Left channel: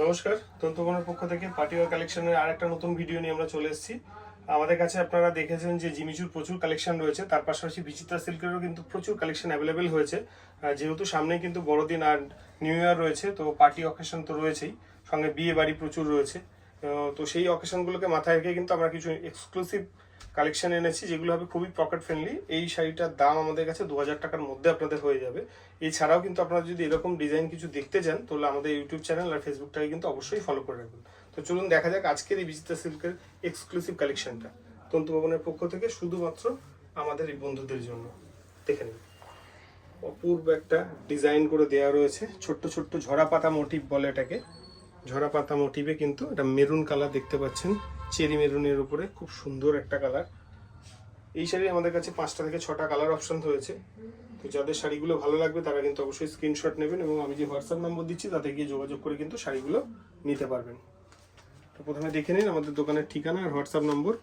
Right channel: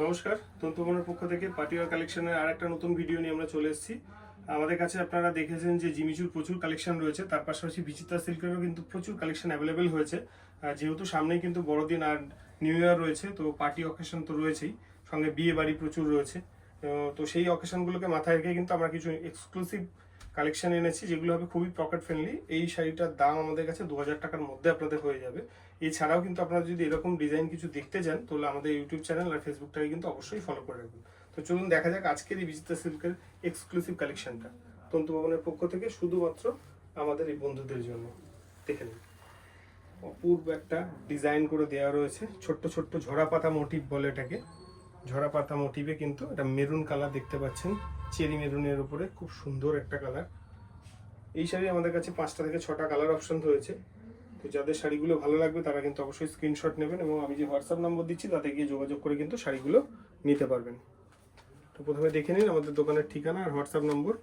নমস্কার, তন্তুবনের পক্ষ থেকে পার্টিওয়ার কালেকশনের আর একটা নতুন ভিডিও নিয়ে আমরা চলে এসেছি। আমাদের কাছে আপনারা দেখেছেন যে জিমিচুর প্রচুর কালেকশন রয়েছে, তার পাশাপাশি বিচিত্রা সিল্কেরও কিন্তু প্রচুর কালেকশন অ্যাভেলেবেল হয়েছে। যেহেতু সামনেই কিন্তু বড়দিন আর নিউ ইয়ার রয়েছে, তো পার্টি অকেশন তো রয়েছেই, সঙ্গে বিয়ে বাড়ি প্রচুর রয়েছে। তো সেই অকেশনগুলোকে মাথায় রেখে কিন্তু আমরা কিছু এক্সক্লুসিভ কালেকশন এনেছি, যেগুলো হবে খুবই পকেট ফ্রেন্ডলি এই শাড়িটার দাম আমাদের কাছে দু হাজার টাকার মধ্যে আপনাদের হয়ে যাবে। এছাড়াও কিন্তু আপনারা যদি এরকম ডিজাইন কিছু দেখতে চান, তাহলে আমাদের ইউটিউব চ্যানেল আর ফেসবুকটাকে কিন্তু অবশ্যই ফলো করে রাখবেন। তো চলুন দেখা যাক আজকের এই বিচিত্রা সিল্কের এক্সক্লুসিভ কালেকশনটা তন্তু ভবনের পক্ষ থেকে শুধুমাত্র আমাদের এই বন্ধুদের জন্য। দেখে নিন। অপূর্ব একটা ডিজাইন করে দেওয়া রয়েছে। ছোট্ট ছোট্ট ঝরা পাতা মোটিভ বলে এটাকে। ঝরা পাতা মোটিভে কিন্তু এটা মেরুন কালার দেখতে পাচ্ছেন। চেরি মেরুনের উপরে খুব সুন্দর একটা কালার এই শাড়ি আমাদের কাছে পাঁচটা থেকে ছটা কালার অপশন রয়েছে। তো যাদের শাড়িগুলো ভালো লাগবে তারা কিন্তু অবশ্যই স্ক্রিনশট নেবেন এবং আমি যে হোয়াটসঅ্যাপ নম্বর দিচ্ছি তাতে গিয়ে যোগাযোগ করে কিন্তু শাড়িগুলো নিতে পারবেন। তো প্রথমে দেখে নিন আমাদের দোকানের ঠিকানা আর হোয়াটসঅ্যাপ নম্বর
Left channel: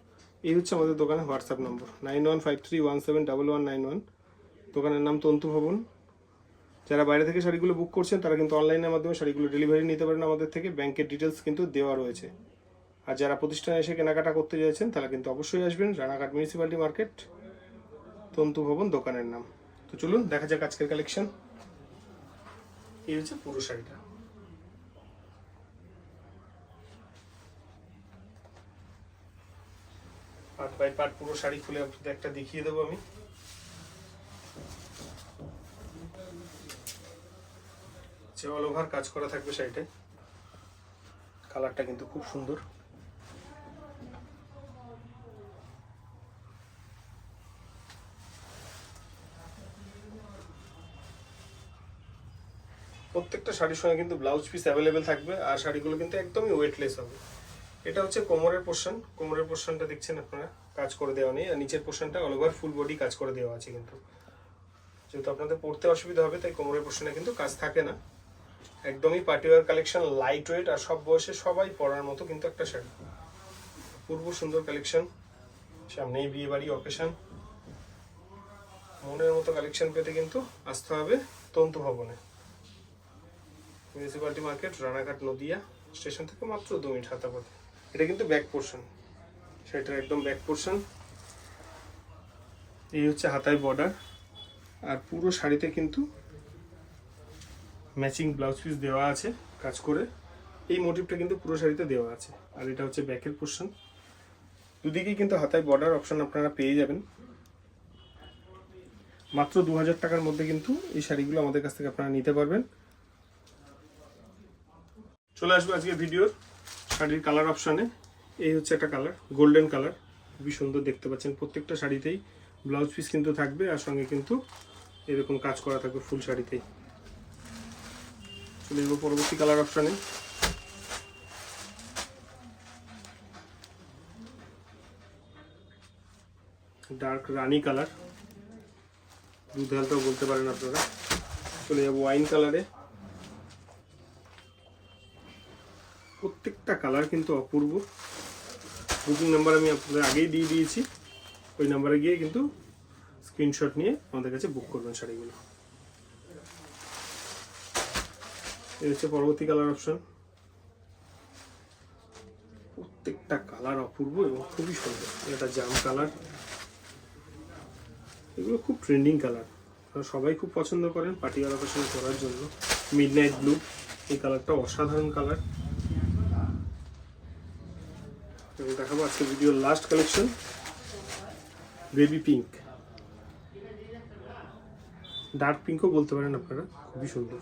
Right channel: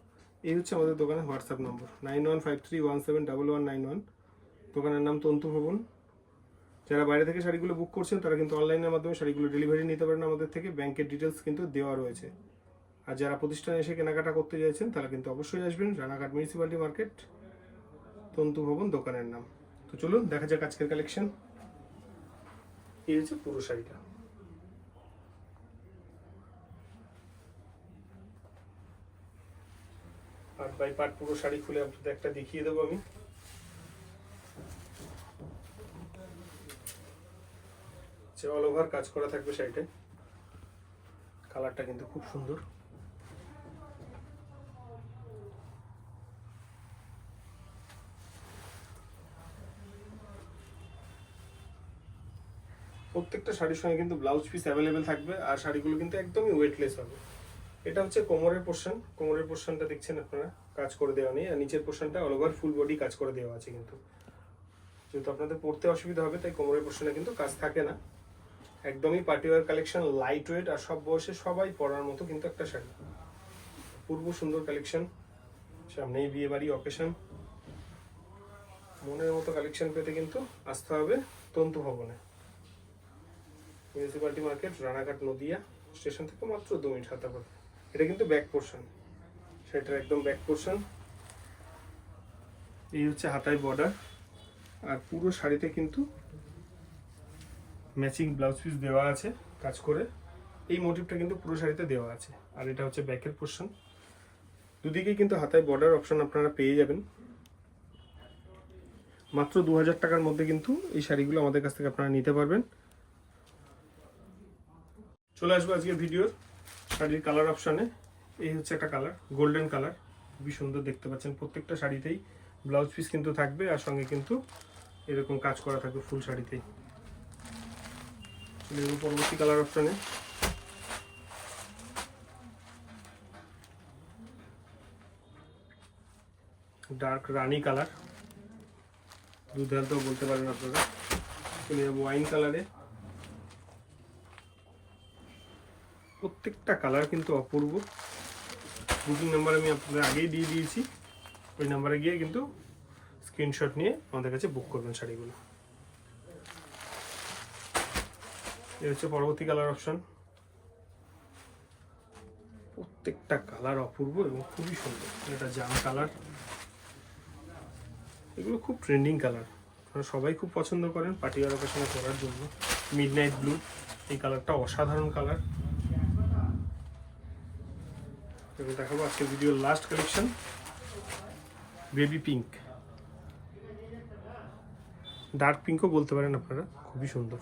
এই হচ্ছে আমাদের দোকানের WhatsApp number nine one five three one seven double one nine one দোকানের নাম তন্তু ভবন। যারা বাইরে থেকে শাড়িগুলো বুক করছেন, তারা কিন্তু অনলাইনের মাধ্যমে শাড়িগুলো ডেলিভারি নিতে পারেন আমাদের থেকে। ব্যাংকের ডিটেলস কিন্তু দেওয়া রয়েছে। আর যারা প্রতিষ্ঠানে এসে কেনাকাটা করতে চাইছেন তারা কিন্তু অবশ্যই আসবেন রানাঘাট মিউনিসিপ্যালিটি মার্কেট তন্তু ভবন, দোকানের নাম। তো চলুন, দেখা যাক আজকের কালেকশন এই হচ্ছে পুরো শাড়িটা। পার্ট বাই পার্ট পুরো শাড়ি খুলে একটা দেখিয়ে দেবো আমি। যে অল ওভার কাজ করা থাকবে শাড়িটায় কালারটা কিন্তু খুব সুন্দর। প্রত্যেকটা শাড়ির সঙ্গে কিন্তু ব্লাউজ পিস অ্যাভেলেবেল থাকবে, আর শাড়িগুলো কিন্তু একদমই ওয়েটলেস হবে। এটা হচ্ছে কোমরের পোর্শন কোমরের পোর্শনটা দেখছেন আপনারা, কাজ করে দেওয়া নেই। আর নিচের পোর্শনটা অল ওভার ফুল বডি কাজ করে দেওয়া আছে কিন্তু। যেহেতু আপনাদের পড়তে অসুবিধা হবে, তাই কোমরের পোর্শনে কিন্তু কাজ থাকে না। একদমই পার্টিওয়ার কালেকশন লাইট ওয়েট আর সব বয়সে সবাই পরার মতো কিন্তু একটা শাড়ি পূর্ব সুন্দর কালেকশন সামনেই বিয়ে বাড়ি অকেশন মনের মতো কালেকশন পেতে কিন্তু আসতে হবে তন্তু ভবনে। Municipality market Ranaghat, Nadia station থেকে মাত্র দু মিনিট হাতা এটা কিন্তু ব্যাক পোর্শন সেটার একদম ব্যাক পোর্শন এই হচ্ছে হাতায় বর্ডার আর পুরো শাড়িতে কিন্তু ম্যাচিং ব্লাউজ পিস দেওয়া আছে কাজ করে। এই মোটিভটা কিন্তু পুরো শাড়িতে দেওয়া আছে। আর এটা হচ্ছে ব্যাকের পোর্শন দুদিকেই কিন্তু হাতায় বর্ডার অপশন আপনারা পেয়ে যাবেন। মাত্র দু হাজার টাকার মধ্যে কিন্তু এই শাড়িগুলো আমাদের কাছ থেকে আপনারা নিতে পারবেন। চলে আসব আজকে ভিডিওর শাড়ির কালার অপশানে এই হচ্ছে একটা কালার গোল্ডেন কালার খুবই সুন্দর দেখতে পাচ্ছেন। প্রত্যেকটা শাড়িতেই ব্লাউজ পিস কিন্তু থাকবে। আর সঙ্গে কিন্তু এরকম কাজ করা থাকবে ফুল শাড়িতেই। চলে যাব পরবর্তী কালার অপশানে ডার্ক রানি কালার দুধ হালটাও বলতে পারেন আপনারা। চলে যাব ওয়াইন কালারে প্রত্যেকটা কালার কিন্তু অপূর্ব। বুকিং নাম্বার আমি আপনাদের আগেই দিয়ে দিয়েছি। ওই নাম্বারে গিয়ে কিন্তু স্ক্রিনশট নিয়ে আমাদের কাছে বুক করবেন শাড়িগুলো। এই হচ্ছে পরবর্তী কালার অপশন প্রত্যেকটা কালার অপূর্ব এবং খুবই সুন্দর। এটা জাম কালার এগুলো খুব ট্রেন্ডিং কালার সবাই খুব পছন্দ করেন পার্টি অকেশনে পরার জন্য। মিড নাইট ব্লু এই কালারটা অসাধারণ কালার এবং দেখাবো আজকে ভিডিওর last collection baby pink dark পিঙ্কও বলতে পারেন আপনারা, খুবই সুন্দর।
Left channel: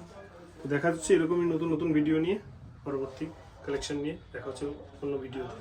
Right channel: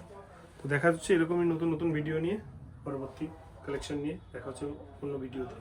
দেখা যাচ্ছে এরকমই নতুন নতুন ভিডিও নিয়ে পরবর্তী কালেকশন নিয়ে দেখা হচ্ছে অন্য ভিডিওতে